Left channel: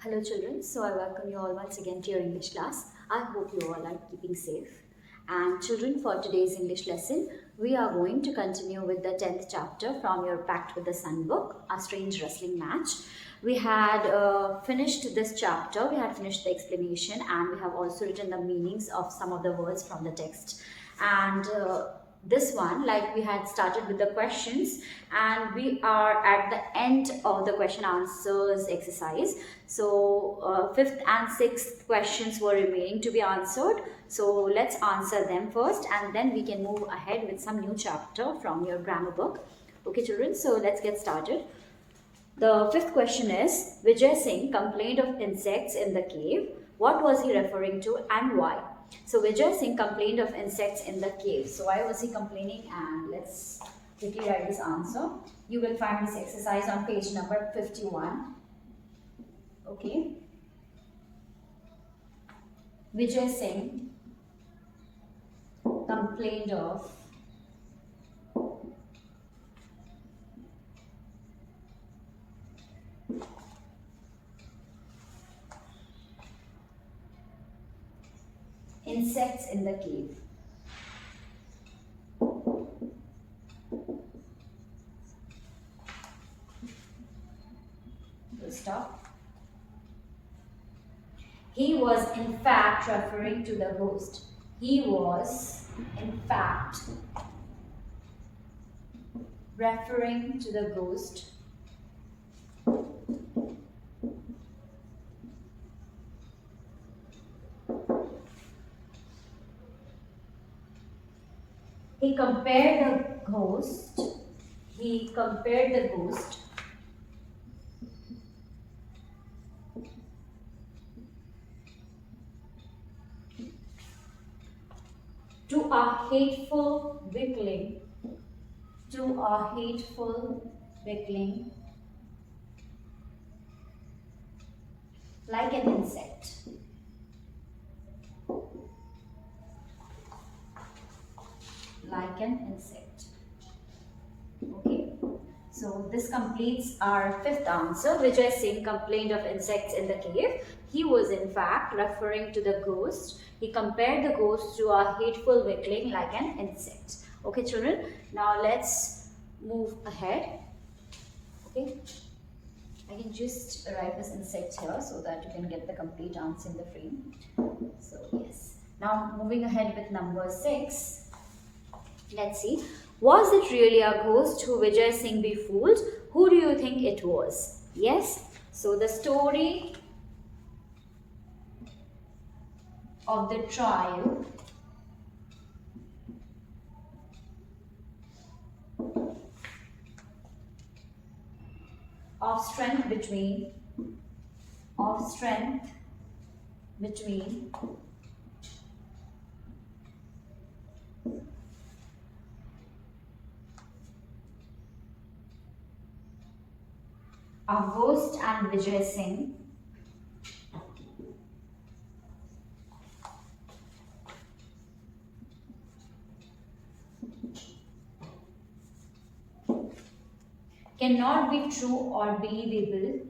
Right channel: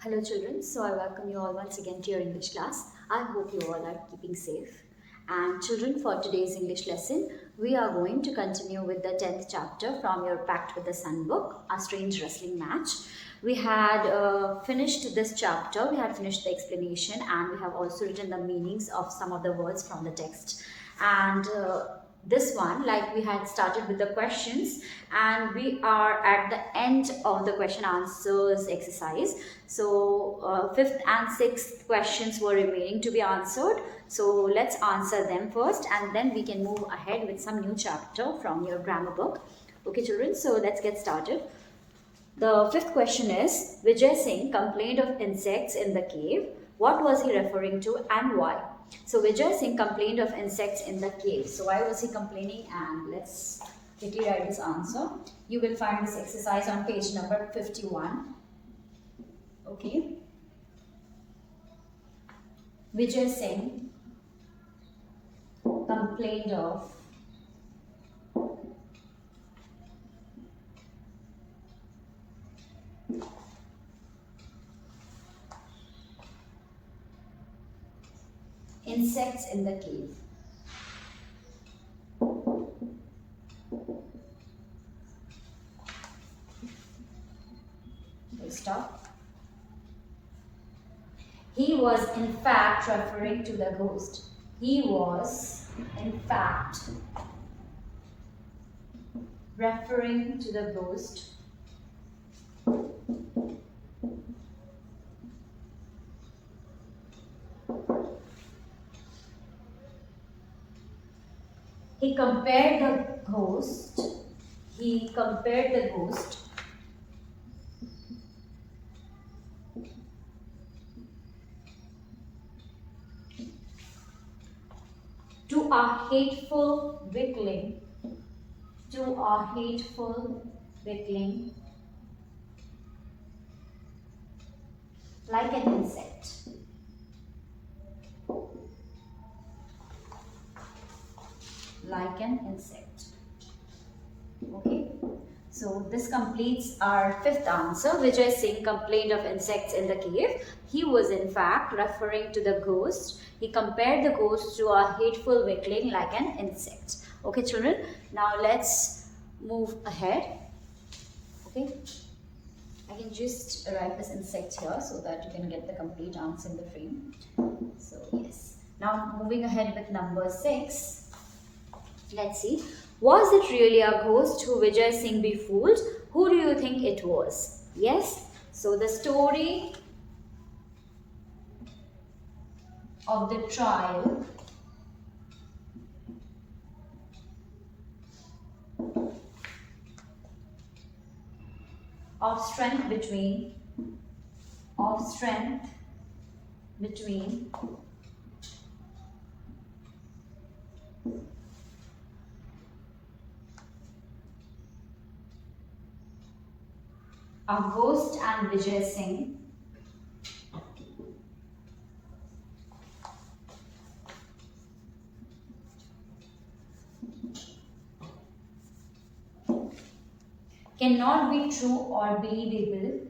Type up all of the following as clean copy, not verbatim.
Hello children, so I welcome you all once again to your English class. I hope you all are keeping safe. And children, for today's English lesson, we are going to continue with the 10th chapter from your Pact with the Sun book, A Strange Wrestling Match. We had finished this chapter, we had finished the explanation, and we have also written the meanings of some of the words from the text. And this one, like we had started with the questions, and we are at the end of the question answers exercise. So fifth and sixth questions were remaining to be answered, so let's answer them first and then we can move ahead with some new chapter from your grammar book. Okay children, so let's get started. The fifth question is, Vijay Singh complained of insects in the cave. What was he referring to and why? So Vijay Singh complained of insects in the cave. So why was he complaining? And let's quickly write his answer. You will find this exercise on page number 51. Okay. Vijay Singh complained of insects in the cave. Okay, stop. He was in fact referring to the ghost. He was in fact referring to the ghost He compared the ghost to a hateful weakling, like an insect. Like an insect. Okay, so this completes our fifth answer. Vijay Singh complained of insects in the cave. He was in fact referring to the ghost. He compared the ghost to a hateful weakling like an insect. Okay children, now let's move ahead. Okay, I can just write this insect here so that you can get the complete answer in the frame. So yes, now moving ahead with number 6. Let's see. Was it really a ghost who Vijay Singh befooled? Who do you think it was? Yes. So the story of the trial of strength between a ghost and Vijay Singh cannot be true or believable.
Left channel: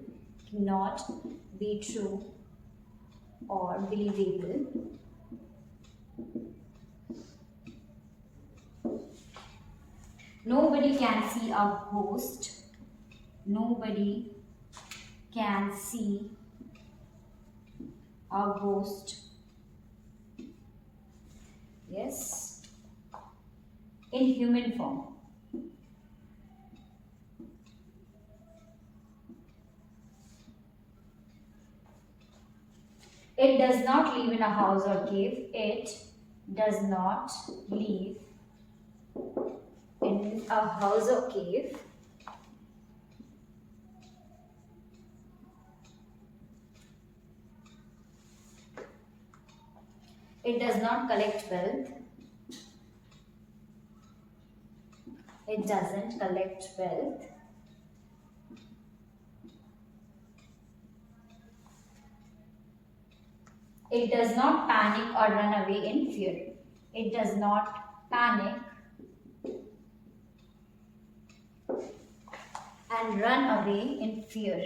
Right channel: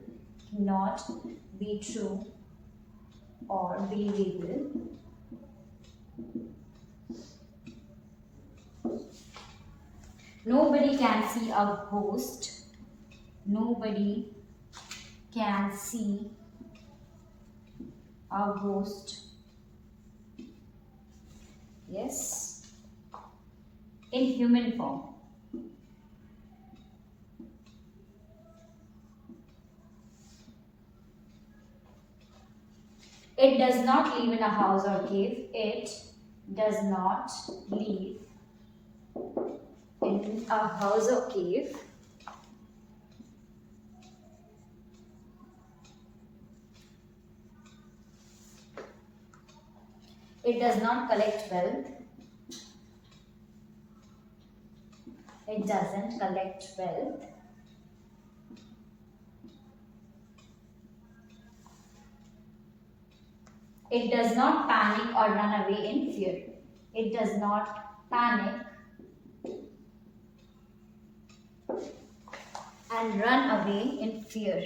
Nobody can see a ghost. Yes, in human form. It does not live in a house or cave. It does not live in a house or cave. It does not collect wealth. It doesn't collect wealth. It does not panic or run away in fear. It does not panic and run away in fear.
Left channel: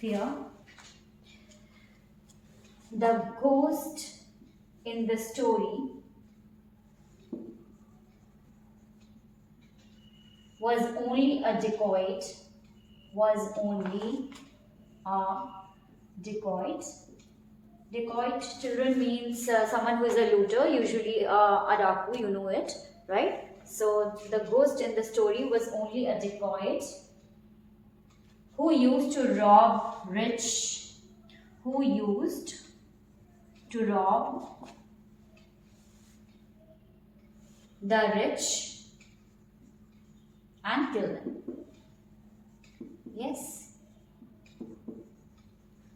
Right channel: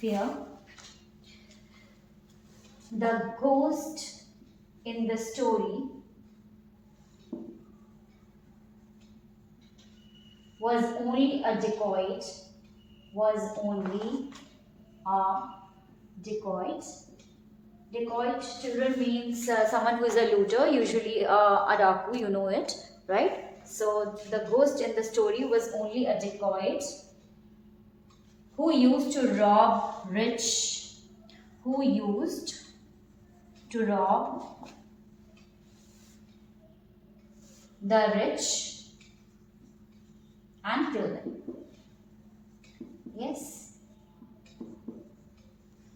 fear. The ghost in the story was only a decoy. Was only a decoy. Decoy, children, means someone who is a looter, usually a daku, you know it, right? So the ghost in the story was only a decoy who used to rob rich, who used to rob the rich and kill them. Yes.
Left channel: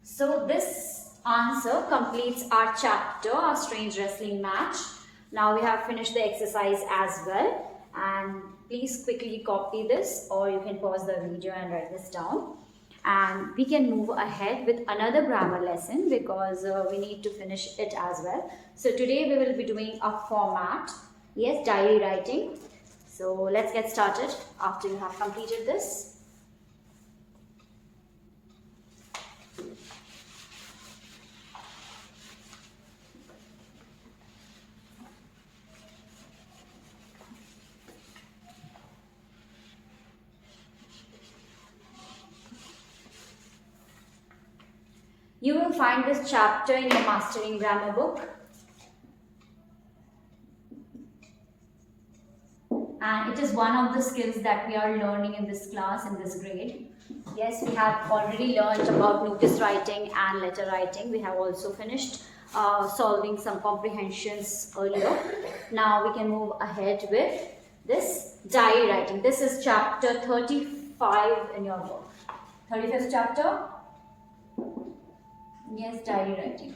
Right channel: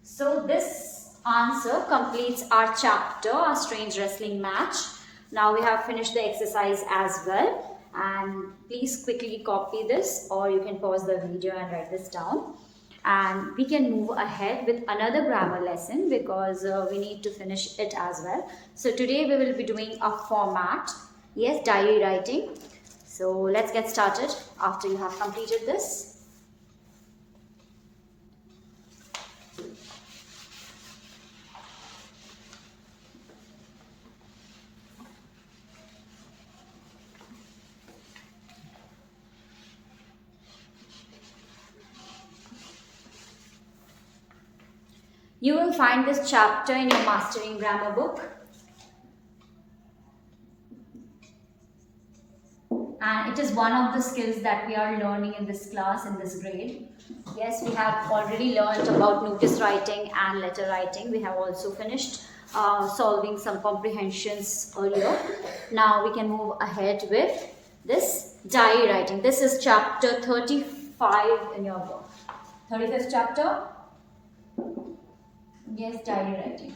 So this answer completes our chapter, our strange wrestling match. Now we have finished the exercise as well. And please quickly copy this, or you can pause the video and write this down. And we can move ahead with another grammar lesson because we need to finish it as well. So today we will be doing a format. Yes, diary writing. So let's get started after you have completed this. You will find this chapter in your Mastering Grammar book. And it is one of the skills that we are learning in this class, in this grade. Yes, we have already learned about notice writing and letter writing. We have also finished solving some comprehensions earlier. Now we can move ahead with this diary writing. This is chapter 35 in your book. 35th chapter. Yes, diary writing.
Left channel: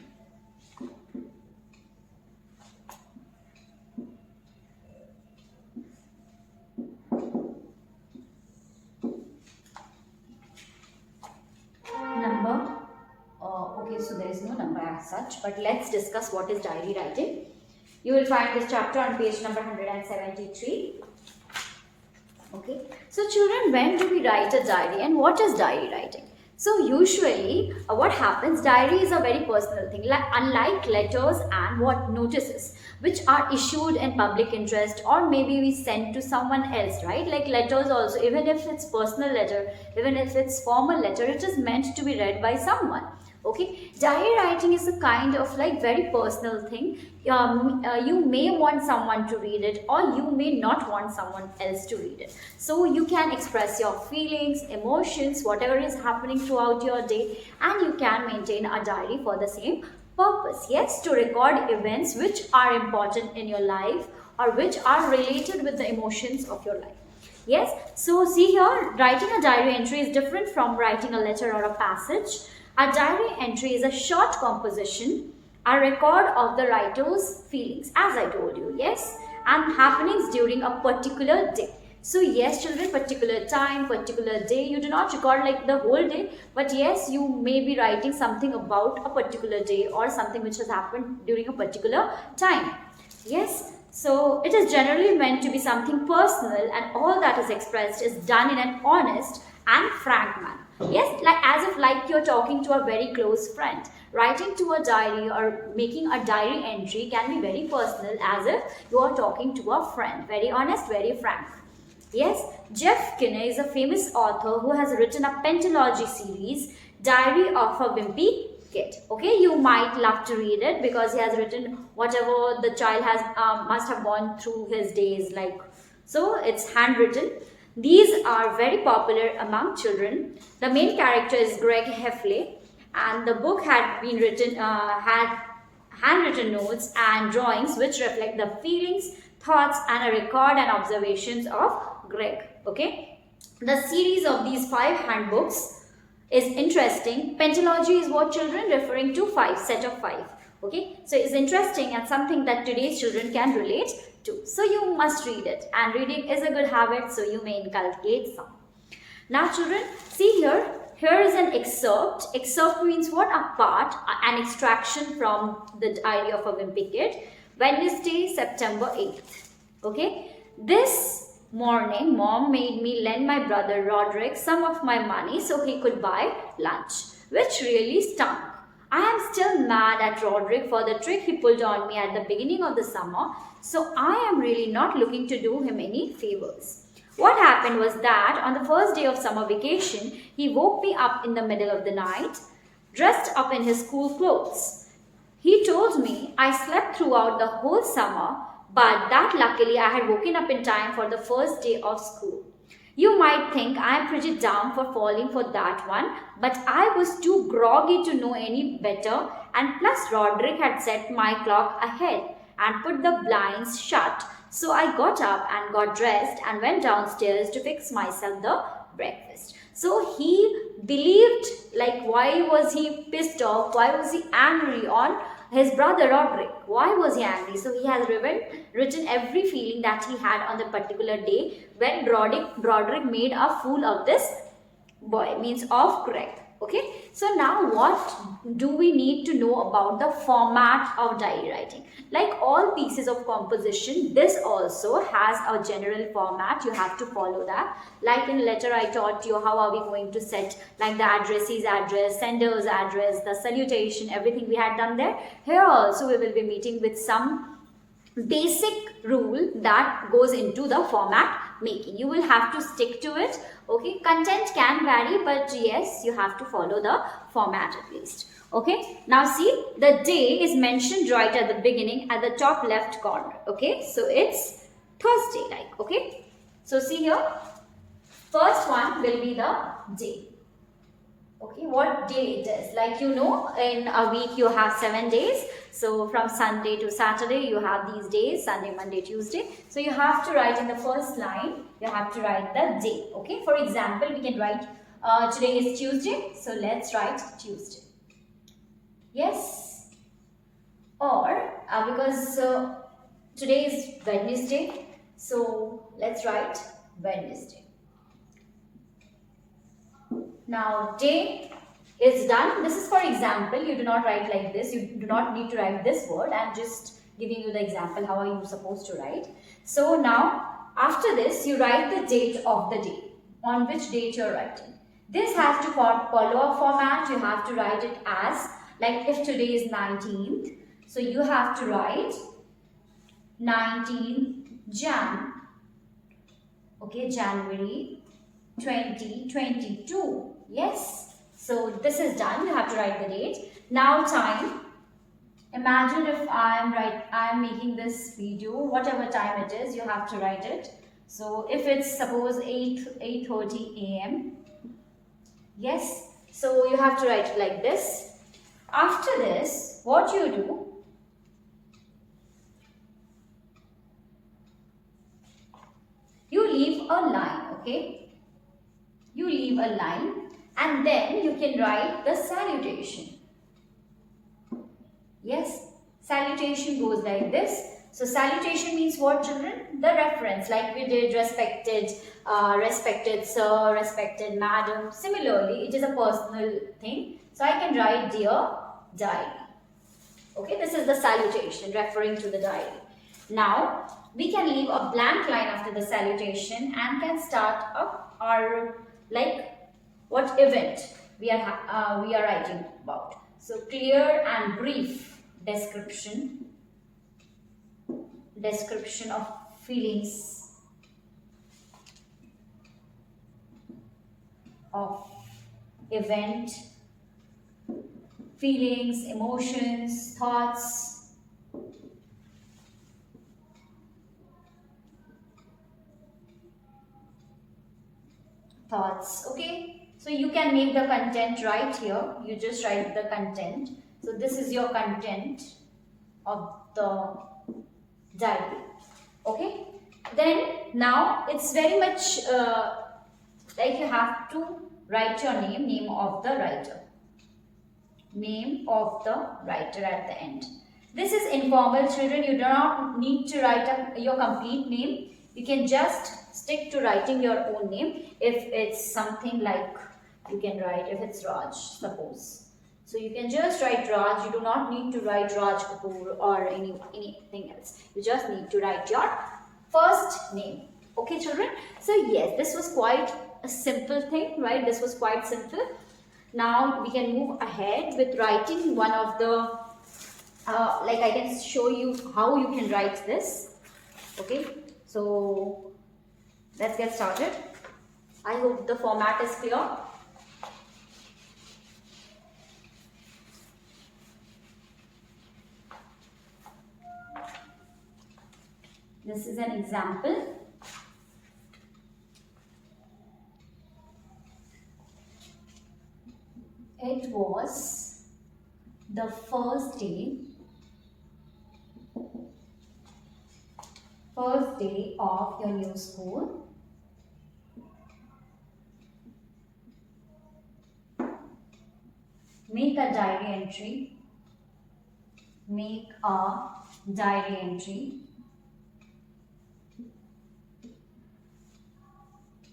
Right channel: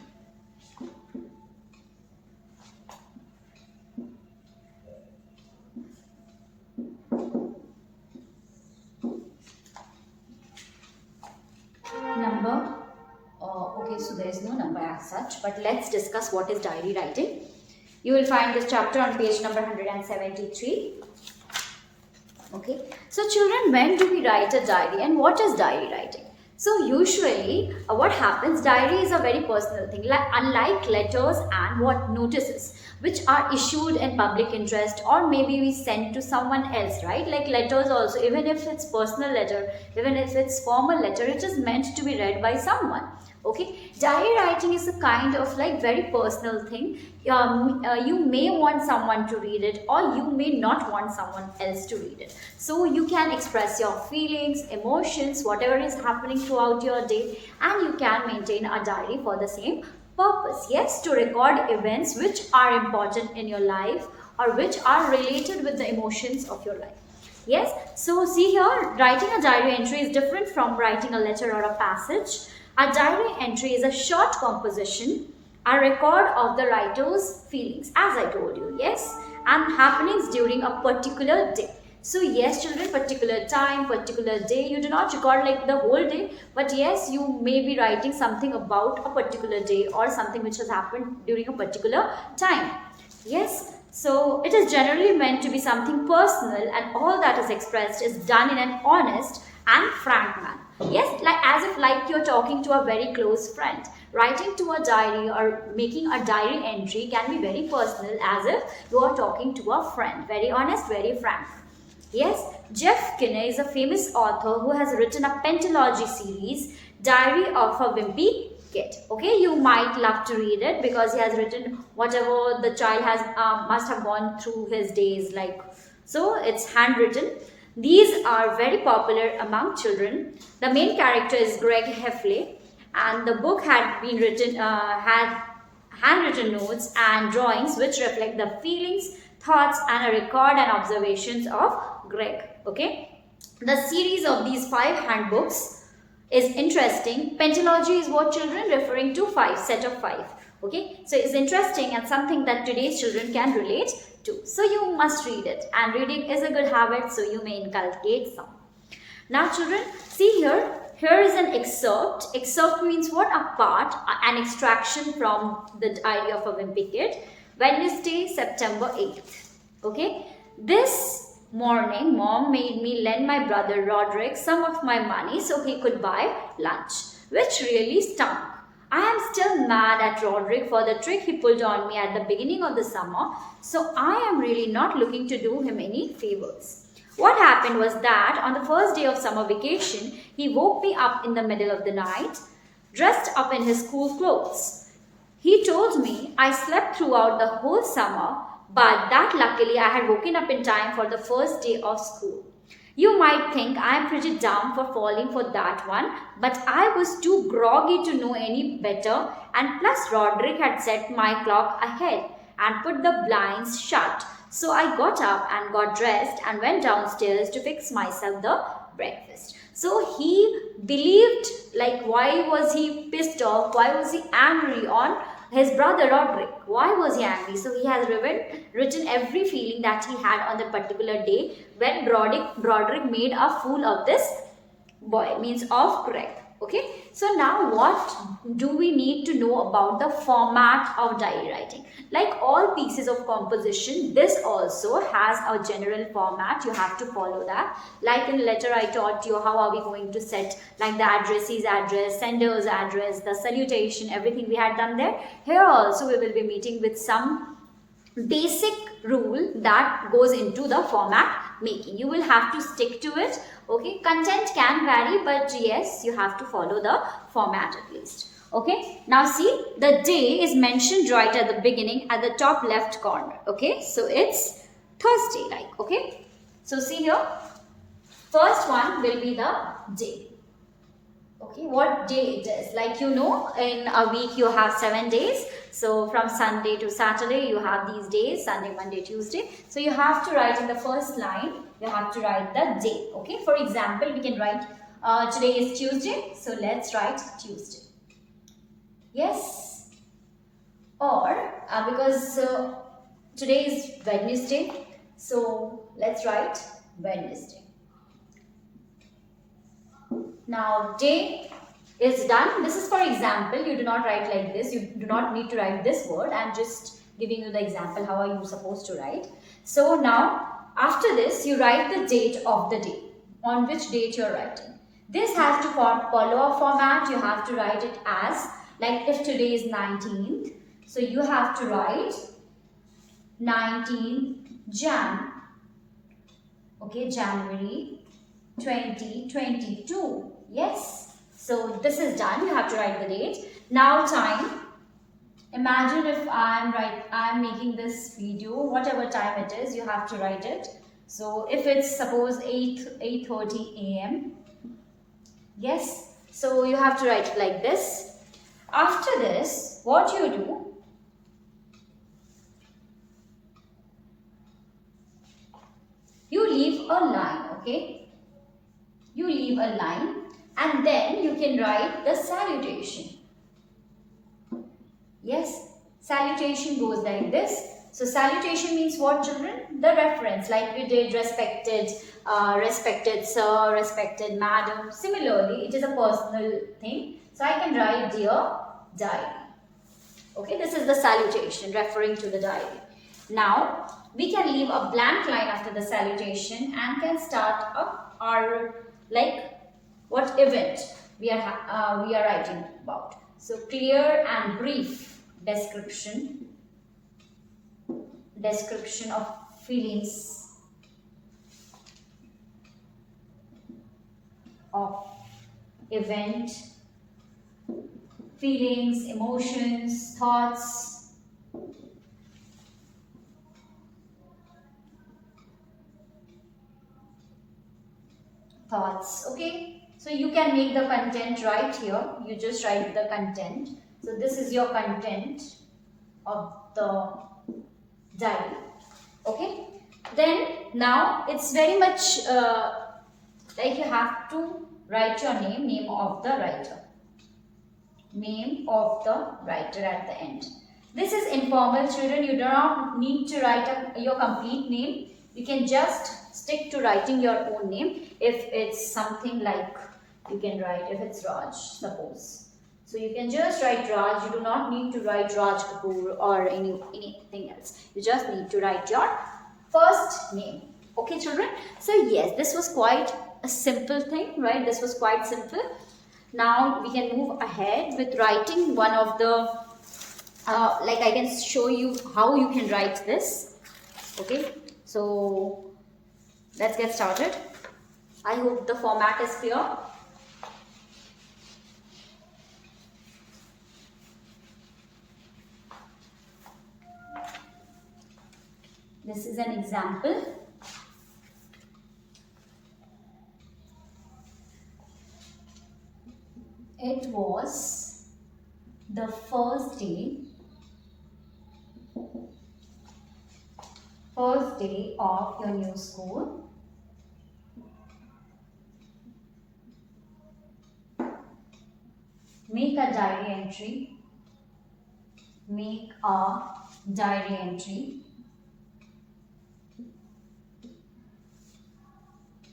Number. Okay, so there is no number as such, but let's discuss what is diary writing. You will find this chapter on page number 173. Okay, so children, when do we write a diary and what is diary writing? So usually what happens, diary is a very personal thing, unlike letters and what notices which are issued in public interest or maybe we send to someone else, right? Like letters also, even if it's personal letter, even if it's formal letter, it is meant to be read by someone. Okay, diary writing is a kind of like very personal thing. You may want someone to read it or you may not want someone else to read it. So you can express your feelings, emotions, whatever is happening throughout your day, and you can maintain a diary for the same purpose. Yes, to record events which are important in your life or which are related with the emotions of your life. Yes, so see here, writing a diary entry is different from writing a letter or a passage. A diary entry is a short composition, a record of the writer's feelings, as I told you, yes, and happenings during a particular day. So yes, children, particular time, particular day, you do not record like the whole day, but yes, you may be writing something about a particular day or something which has happened during a particular time. Yes, so it is generally meant to be something personal and all that is expressed is done in an honest and frank manner. Yes, like as if like you're talking to a very close friend. Writing to a diary or making a diary entry can be very personal as if you are talking to a friend. Very honest, very frank. Yes, Jeff Kinney is a famous author who has written a pentalogy series, Diary of a Wimpy Kid. Okay, you might love to read it because he has written whatever the child has must have gone through his days, like so it's handwritten. These are very popular among children. The main character is Greg Heffley, and the book had been written, had handwritten notes and drawings which reflect the feelings, thoughts, and a record and observations of Greg. Okay, the series of these 5 handbooks is interesting. Pentalogy is what children referring to 5, set of 5. Okay, so it's interesting and something that today's children can relate to. So you must read it, and reading is a good habit, so you may inculcate some. Now children, see here, here is an excerpt. Excerpt means what? A part, an extraction from the Diary of a Wimpy Kid. Wednesday, September 8th. Okay, this morning mom made me lend my brother Roderick some of my money so he could buy lunch. which really stunk. I am still mad at Roderick for the trick he pulled on me at the beginning of the summer, so I am really not looking to do him any favors. What happened was that on the first day of summer vacation, he woke me up in the middle of the night, dressed up in his school clothes. He told me I slept throughout the whole summer, but that luckily I had woken up in time for the first day of school. You might think I am pretty down for falling for that one, but I was too groggy to know any better, and plus Roderick had set my clock ahead and put the blinds shut. So I got up and got dressed and went downstairs to fix myself the breakfast. So he believed, like, why was he pissed off? Why was he angry on his brother Roderick? Why was he angry? So he has written every feeling that he had on the particular day when Roderick made a fool of this boy, means of Greg. Okay, so now what do we need to know about the format of diary writing? Like all pieces of composition, this also has a general format. You have to follow that. Like in letter, I taught you how are we going to set like the addressee's address, sender's address, the salutation, everything we had done there. Here also we will be meeting with some basic rule that goes into the format making. You will have to stick to it. Okay, content can vary, but yes, you have to follow the format at least. Okay, now see, the day is mentioned right at the beginning at the top left corner. Okay, so it's Thursday, like. Okay, so see here, first one will be the day. Okay, what day it is? Like, you know, in a week you have 7 days. So from Sunday to Saturday you have these days, Sunday, Monday, Tuesday. So you have to write in the first line, you have to write the day. Okay, for example, we can write today is Tuesday. So let's write Tuesday. Yes. Or because today is Wednesday. So let's write Wednesday. Now day is done. This is for example. You do not write like this. You do not need to write this word. I am just giving you the example how are you supposed to write. So now after this you write the date of the day, on which date you are writing. This has to follow a format. You have to write it as, like, if today is 19th, so you have to write 19th Jan. Okay, January 2022. Yes, so this is done. You have to write the date. Now time. Imagine if I am making this video, whatever time it is, you have to write it. So if it's suppose 8:30 a.m. Yes, so you have to write it like this. After this, what you do, you leave a line. Okay, you leave a line. And then you can write the salutation. Yes, salutation goes like this. So salutation means what, children? The reference, like we did respected, respected sir, respected madam. Similarly, it is a personal thing. So I can write dear diary. Okay, this is the salutation referring to the diary. Now, we can leave a blank line after the salutation and can start up our, like, what event we are writing about. So clear and brief description of feelings of event, feelings, emotions, thoughts. Okay, so you can make the content right here. You just write the content. So this is your content of the diary. Okay, then now it's very much like you have to write your name of the writer. Name of the writer at the end. This is informal, children. You do not need to write your complete name. You can just stick to writing your own name. If it's something like, you can write, if it's Raj, suppose. So you can just write Raj. You do not need to write Raj Kapoor or anything else. You just need to write your first name. Okay, children? So yes, this was quite a simple thing, right? This was quite simple. Now we can move ahead with writing one of the, like I can show you how you can write this. Okay, so let's get started. I hope the format is clear. This is an example. It was the first day of your new school. Make a diary entry. Make a diary entry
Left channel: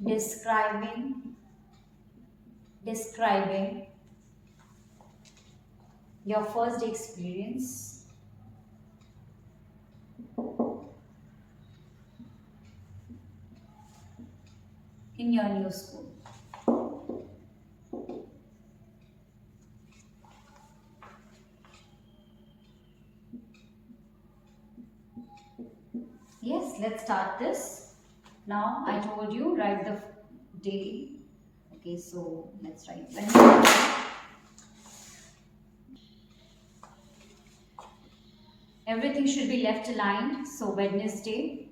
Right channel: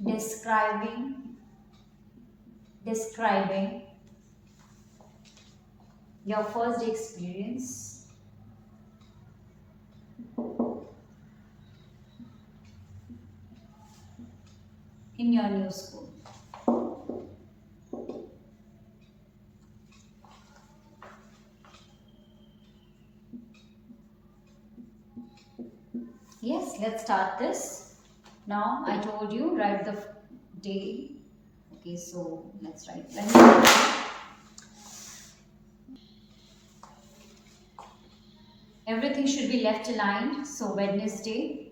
describing your first day experience. In your new school. Yes, let's start this. Now I told you write the day. Okay, so let's write. Everything should be left aligned. So Wednesday.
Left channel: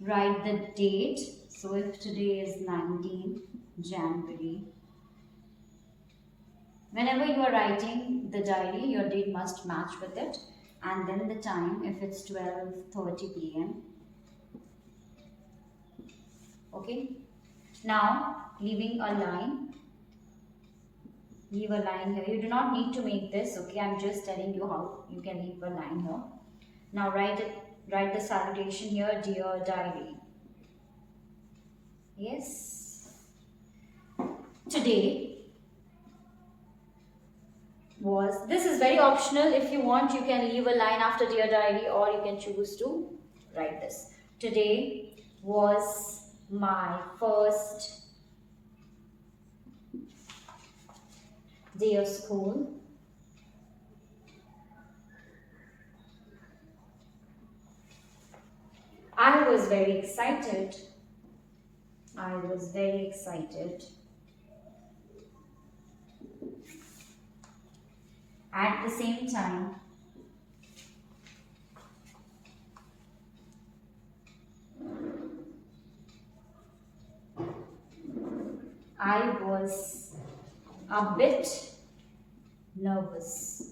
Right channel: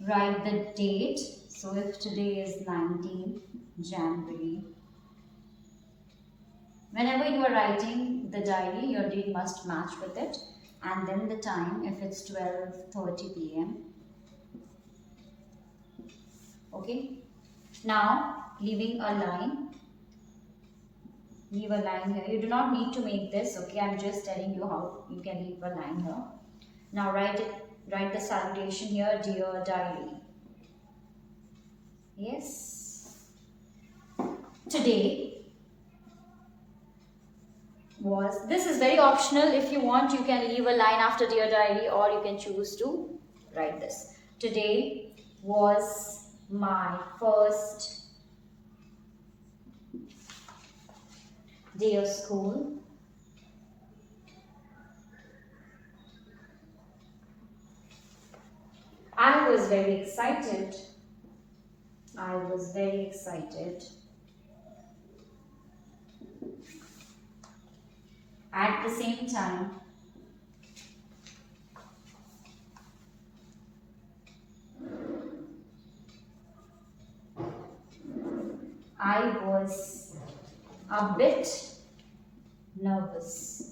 Write the date. So if today is 19 January. Whenever you are writing the diary, your date must match with it. And then the time, if it's 12:30 p.m. Okay. Now, leaving a line. Leave a line here. You do not need to make this. Okay, I'm just telling you how you can leave a line here. Now write it. Write the salutation here, dear diary. Yes. Today was, this is very optional. If you want, you can leave a line after dear diary, or you can choose to write this. Today was my first day of school. I was very excited. I was very excited. At the same time, I was a bit nervous.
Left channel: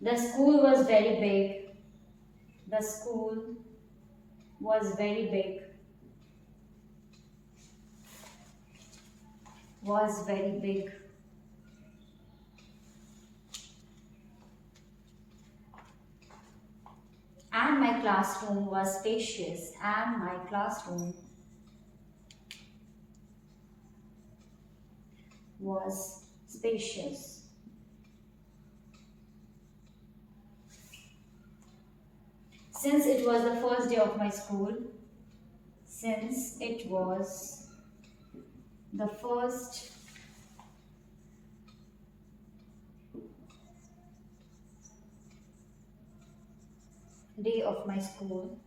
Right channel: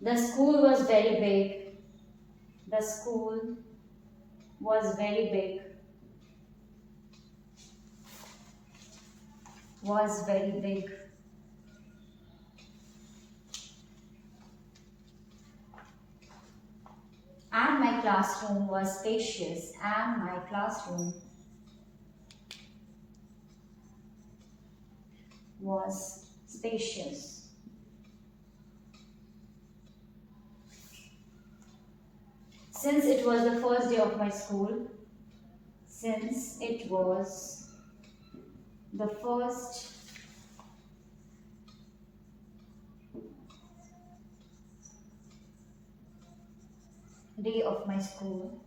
The school was very big. The school was very big. Was very big. And my classroom was spacious. And my classroom was spacious. Since it was the first day of my school, since it was the first day of my school,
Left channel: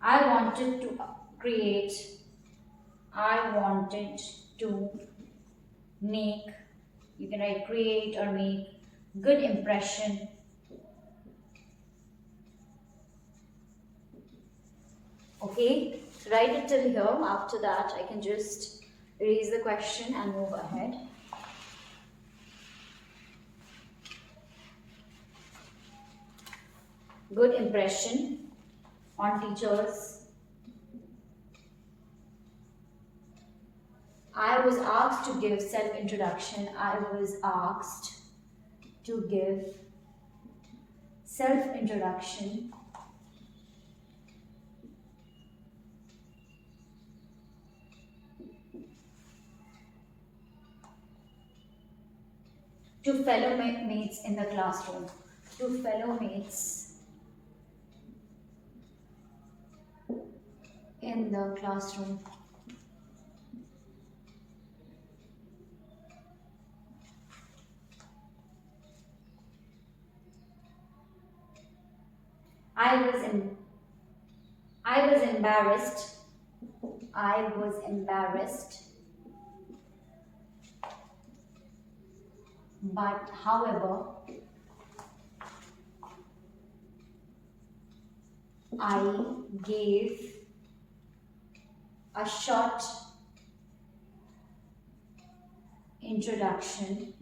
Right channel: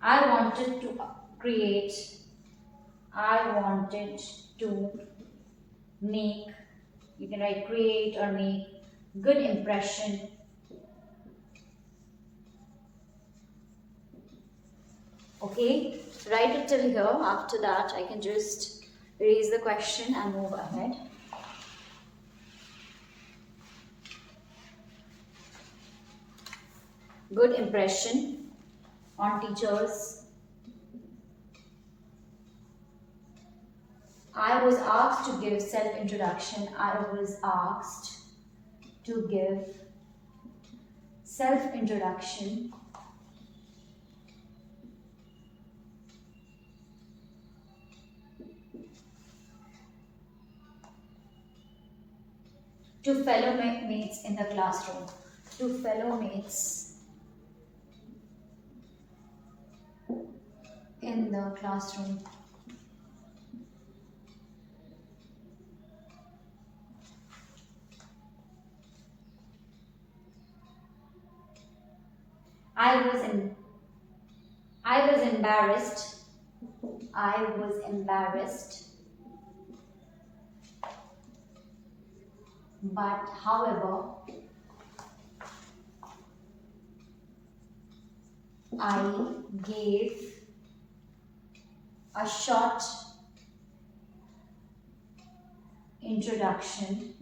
I wanted to make, you can write create or make good impression okay, write it till here. After that I can just erase the question and move ahead. Good impression on teachers. I was asked to give self-introduction. I was asked to give self-introduction. To fellow mates in the classroom. To fellow mates in the classroom. I was embarrassed. I was embarrassed. But however, I gave a short introduction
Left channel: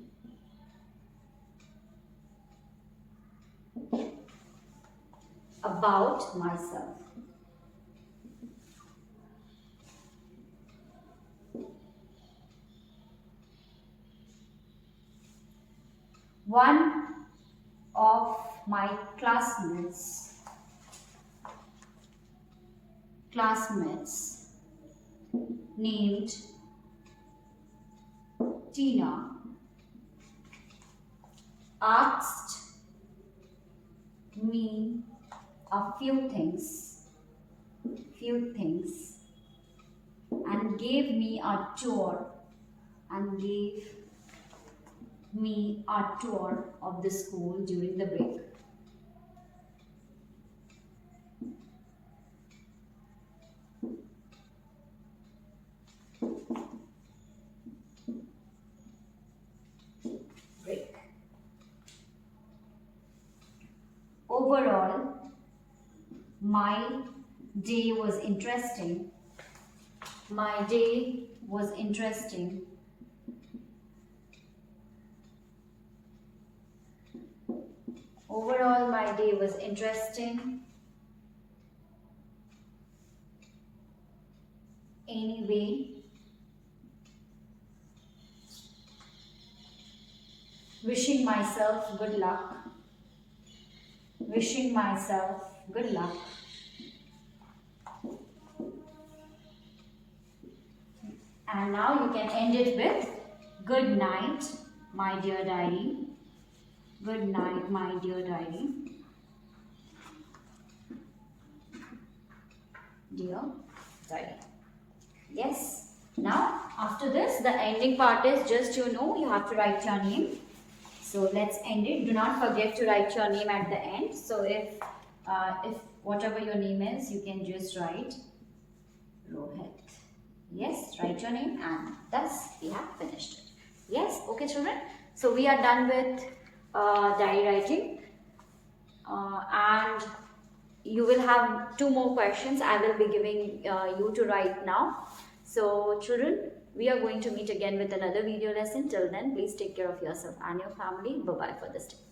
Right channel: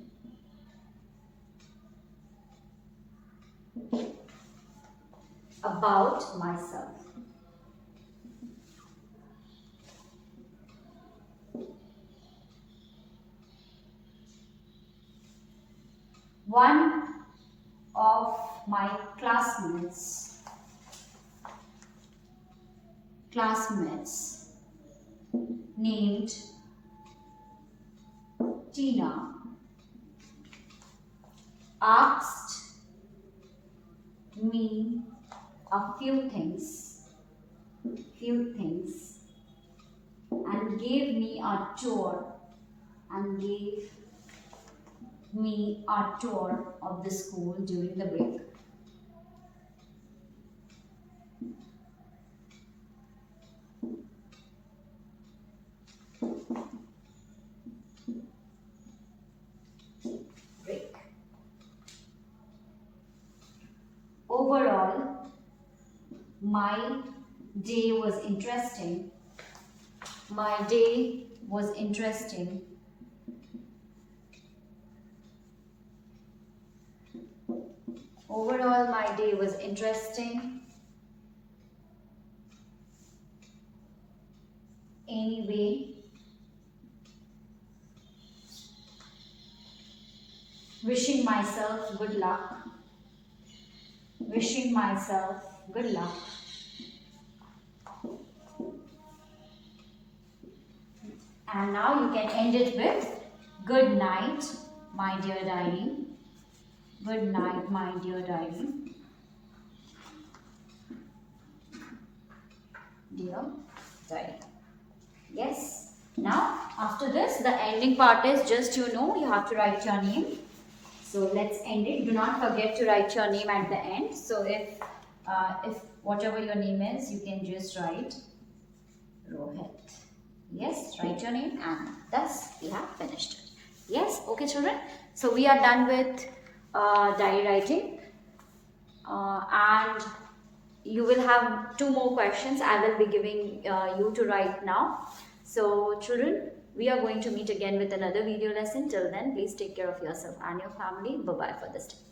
about myself. One of my classmates named Tina asked me a few things and gave me a tour of the school during the break. Overall, my day was interesting. Overall, my day was interesting. Anyway, wishing myself good luck. And now you can end it with good night, my dear diary. Good night, my dear diary. Dear diary. Yes. Now, after this, the ending part is just, you have to write your name. So let's end it. Do not forget to write your name at the end. So if whatever your name is, you can just write Rohit. Yes, write your name, and thus we have finished it. Yes, okay children. So we are done with diary writing, and you will have 2 more questions I will be giving you to write now. So children, we are going to meet again with another video lesson. Till then, please take care of yourself and your family. Bye-bye for this day.